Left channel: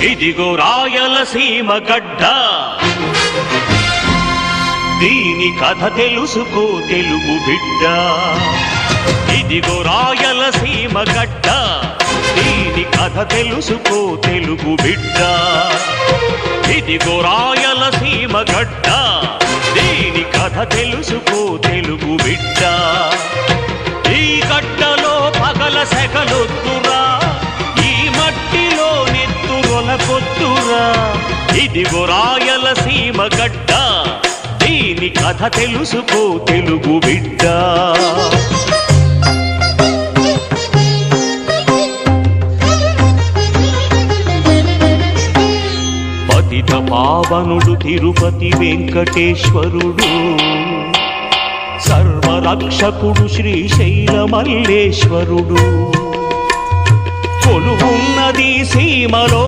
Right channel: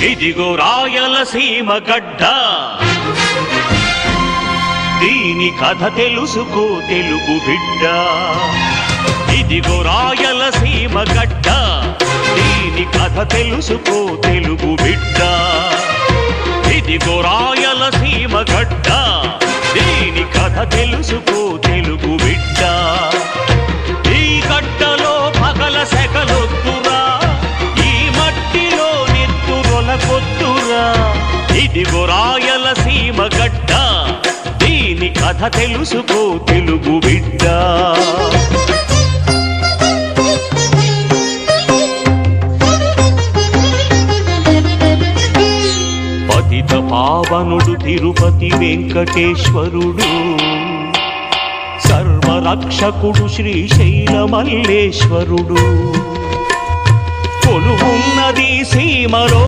ఇదిగో రాయలసీమ గడ్డ. దీని కథ తెలుసుకో తెలుగు బిడ్డ. ఇదిగో రాయలసీమ గడ్డ. దీని కథ తెలుసుకో తెలుగు బిడ్డ. ఇదిగో రాయలసీమ గడ్డ. దీని కథ తెలుసుకో తెలుగు బిడ్డ. ఈ గడ్డలో పగల సెగలొద్దు నెత్తురొల కొద్దురా ఇదిగో రాయలసీమ గడ్డ. దీని కథ తెలుసుకో తెలుగు బిడ్డ. పతిత పావనుడు తిరుపతి వెంకటేశ్వరుడు. సర్వరక్షకుడు శ్రీశైల మల్లేశ్వరుడు. కొలువున్నది సీమలో